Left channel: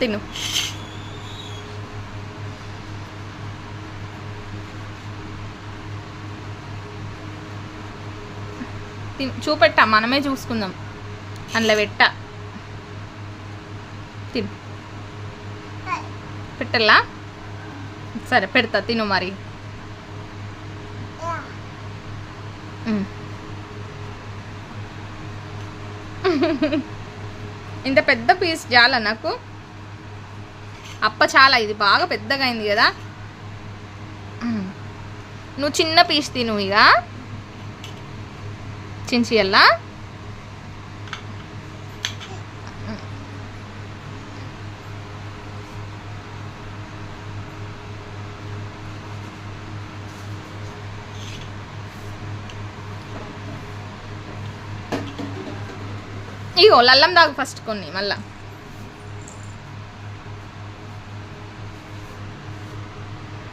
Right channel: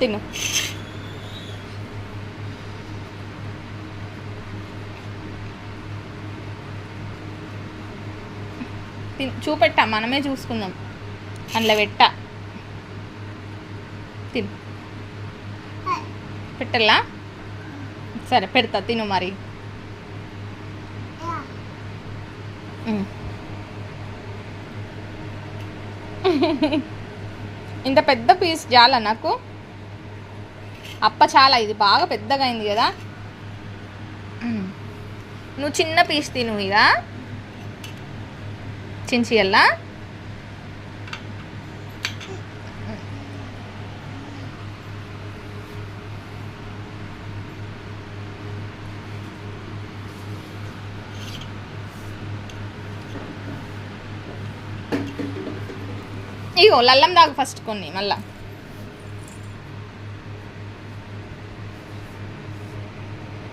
తిను. చూపెట్టా, మనమే చూసుకుందాం. అందులో పెట్టా, తిను. పెట్టల్లా? సరే పెడతా, తిను మరి. ఇంత పెద్ద పీస్ చాలా నాకు. అప్ప చాలా, ఇది బాగా పెద్దగా అయింది కదా. నువ్వు చిన్న పీస్ తిను ఇక. చించియల్లా? ఇగో లల్లం దాగు ఫస్ట్ కొన్ని మళ్ళా.